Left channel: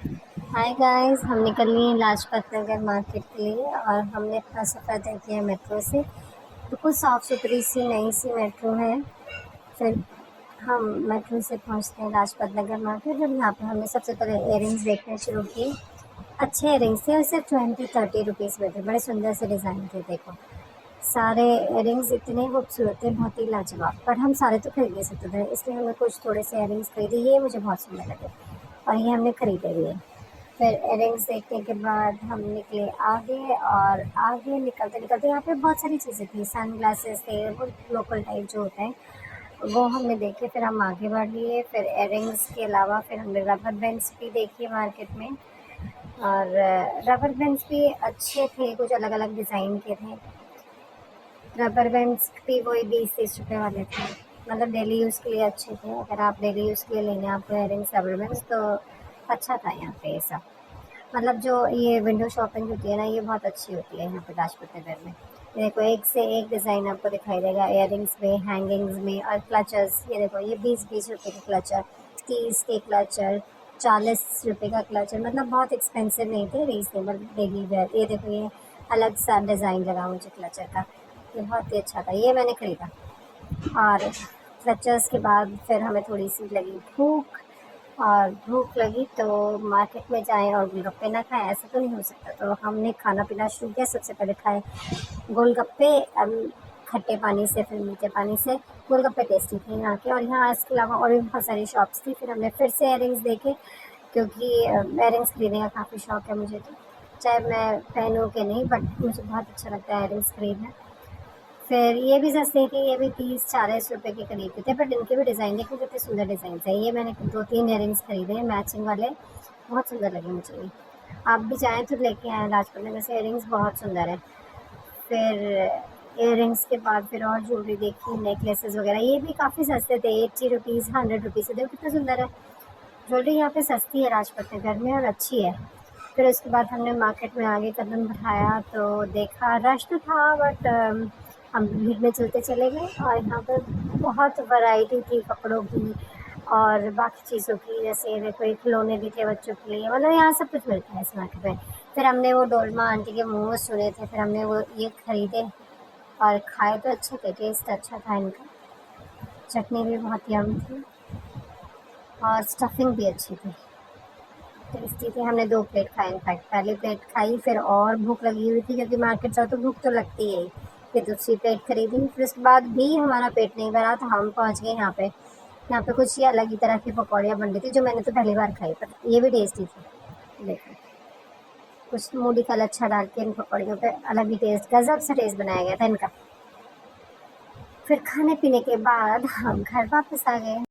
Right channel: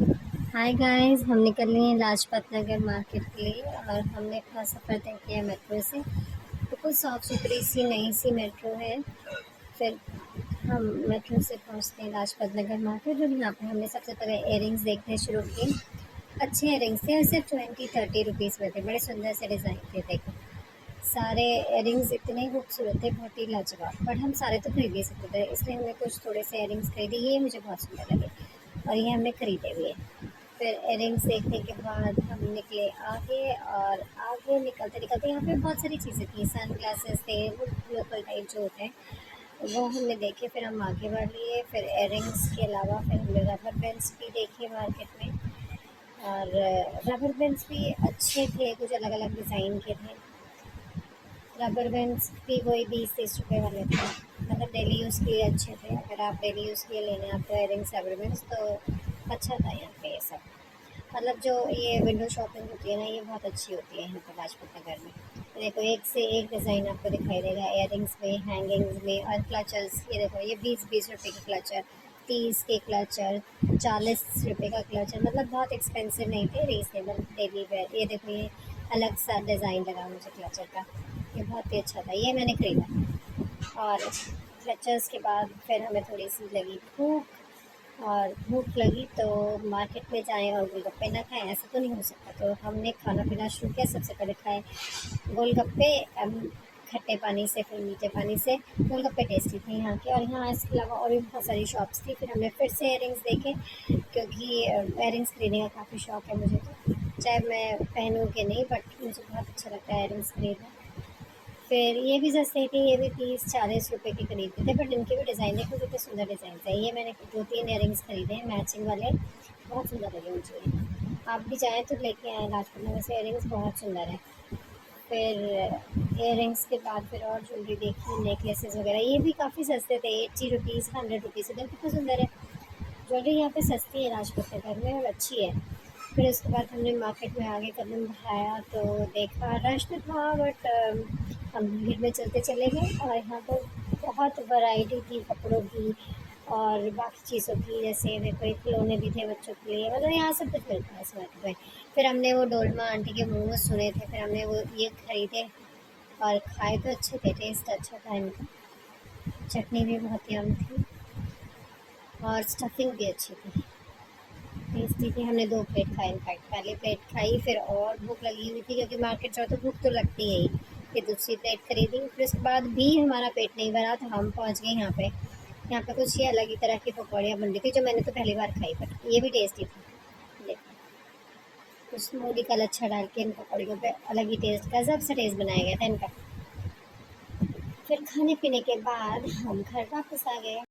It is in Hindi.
हाय गाइस, हम निकल लिए लाजपत नगर मार्केट के लिए और हमने अपना सफ़र तय किया है मेट्रो से। बिल्कुल साफ़ सुथरी सी नई सी मेट्रो है। फिर हम मेट्रो से पहुंचते हैं लाजपत नगर मार्केट और यहाँ पे हमने सबसे पहले इयररिंग्स देखने शुरू किए। अच्छे इयररिंग्स थे और सिर्फ 20-30 रुपीज़ में थे। बड़े सुंदर से डिज़ाइन थे। देखो, सारे इयररिंग्स इतने खूबसूरत थे, बहुत ही लाजवाब। बट हम सारे तो खरीद नहीं सकते थे, इसलिए हमने कुछ थोड़े से इयररिंग्स खरीदे। ये मुझे बहुत सुंदर लगे और ये हमने खरीदे भी हैं। फिर इयररिंग्स देखने के बाद हम निकले आगे और आगे निकलते-निकलते यहाँ पे बहुत सारी चीज़ें थी, सनग्लासेस थे, वो लोकल टाइप जो होते हैं, वो हमने देखे। फिर हम आगे बढ़ लिए। फिर इयररिंग्स के अलावा फिर हमने रबर बैंड्स भी देखे मार्केट में और रबर बैंड्स भी अच्छे थे, कुछ अलग-अलग डिज़ाइन के थे। रबर बैंड्स भी वही 20-30 रुपए वाले थे, मतलब डेली यूज़ के लिए अच्छे थे। अगर आप डेली यूज़ के लिए लेने हैं आपको इयररिंग्स, रबर बैंड्स, तो अच्छा था यहाँ पे ये सब। मतलब जो ये विंडो शॉपिंग होती है ना, ये बहुत अच्छी होती है यहाँ पे लाजपत नगर में। ये देखो, एक से एक डिज़ाइन आपको दिखाई देगा इयररिंग्स में, हैंगिंग्स में और क्लचर्स। ये देखो, ये 20-20 रुपए के क्लचर, 30 के क्लचर, 40 रुपए का क्लचर, मतलब बहुत एक्सपेंसिव नहीं थे, रीजनेबल डेली वेयर। ये देखो, ये अलग सा डिज़ाइन लगा मुझे क्लचर का, ये बहुत ही अच्छा था, ये मैंने खरीदा। और क्लचर्स के बाद फिर हमें थोड़ी सी लगी भूख, और भूख लगी तो मार्केट में जाएँ और गोलगप्पे ना खाएँ, ऐसा तो नहीं हो सकता। तो हमने खाना पीना शुरू किया। सबसे पहले खाए गोलगप्पे, खट्टे पानी से, फिर मीठे पानी से। गोलगप्पे टेस्टी थे यहाँ के, और यहाँ इसके अलावा और भी बहुत सारी शॉप्स थी। फिर हमने फिर से इयररिंग्स देखे, क्योंकि इयररिंग्स खरीदने का काफ़ी शौक है मुझे, तो चाहे मैं पहनूँ कि नहीं, बट मुझे बहुत अच्छा लगता है इयररिंग्स खरीदना। फिर ये भी सस्ते थे, ये भी 30-40 रुपए के करीब के थे, बट इनके भी डिज़ाइन देखो कितने सुंदर डिज़ाइन थे। ये मैंने 2-3 इयररिंग्स खरीदे हैं मैचिंग वाले, बहुत सुंदर लगे मुझे ये। आप भी चाहें तो लेके आएँ, लाजपत नगर से इयररिंग्स बहुत सुंदर है। फिर इयररिंग्स के बाद फिर और ज्वेलरी देखी, नेकलेसेस वगैरह, ये भी काफ़ी सस्ते थे, 80 रुपीज़, 100 रुपीज़ से। देखो कितना सुंदर है। ज्वेलरी यहाँ पे सस्ती है लाजपत नगर में और अच्छी है। फिर उसके बाद हमने मार्केट में आगे कदम बढ़ाया तो देखा रश तो था, बट हम भीड़ में चलते चले गए और यहाँ पर बहुत वैरायटी थी कपड़ों की और बाकी चीज़ों की। जैसे देखो, ये खिलौने भी थे बच्चों के लिए, मतलब यहाँ सब कुछ मिलता है इस मार्केट में। फिर हमने वो डोलमा आंटी के मोमोज सुने थे, फिर हमने वो ये खरीदे और खाए तो अच्छे थे, टेस्ट अच्छा था इनका। चटनी भी बहुत यम थी और स्टफिंग भी अच्छी थी, टेस्टी थी। हमने 2 प्लेट खाए, इनफैक्ट पहली प्लेट खाई, फिर और भूख लगी हुई थी, क्योंकि मार्केट जाओ तो भूख तो लगती है ही। फिर दूसरी प्लेट खरीदी, फिर उसके बाद भी हमारा पेट नहीं भरा तो हम पहुँच गए यहाँ पे। यहाँ पे कुछ ये अलग ही तरह की पकौड़ियाँ बन रही थी, जो मैंने तो पहली बार खाई, बट ये भी टेस्टी थी। देखो, कुछ मूली का लच्छा डाल के इन पकौड़ियों पे अलग ही टेस्ट, गज़ब से टेस्ट बनाया गया था इनका। फिर खाने पीने के बाद हम घर वापस आ गए।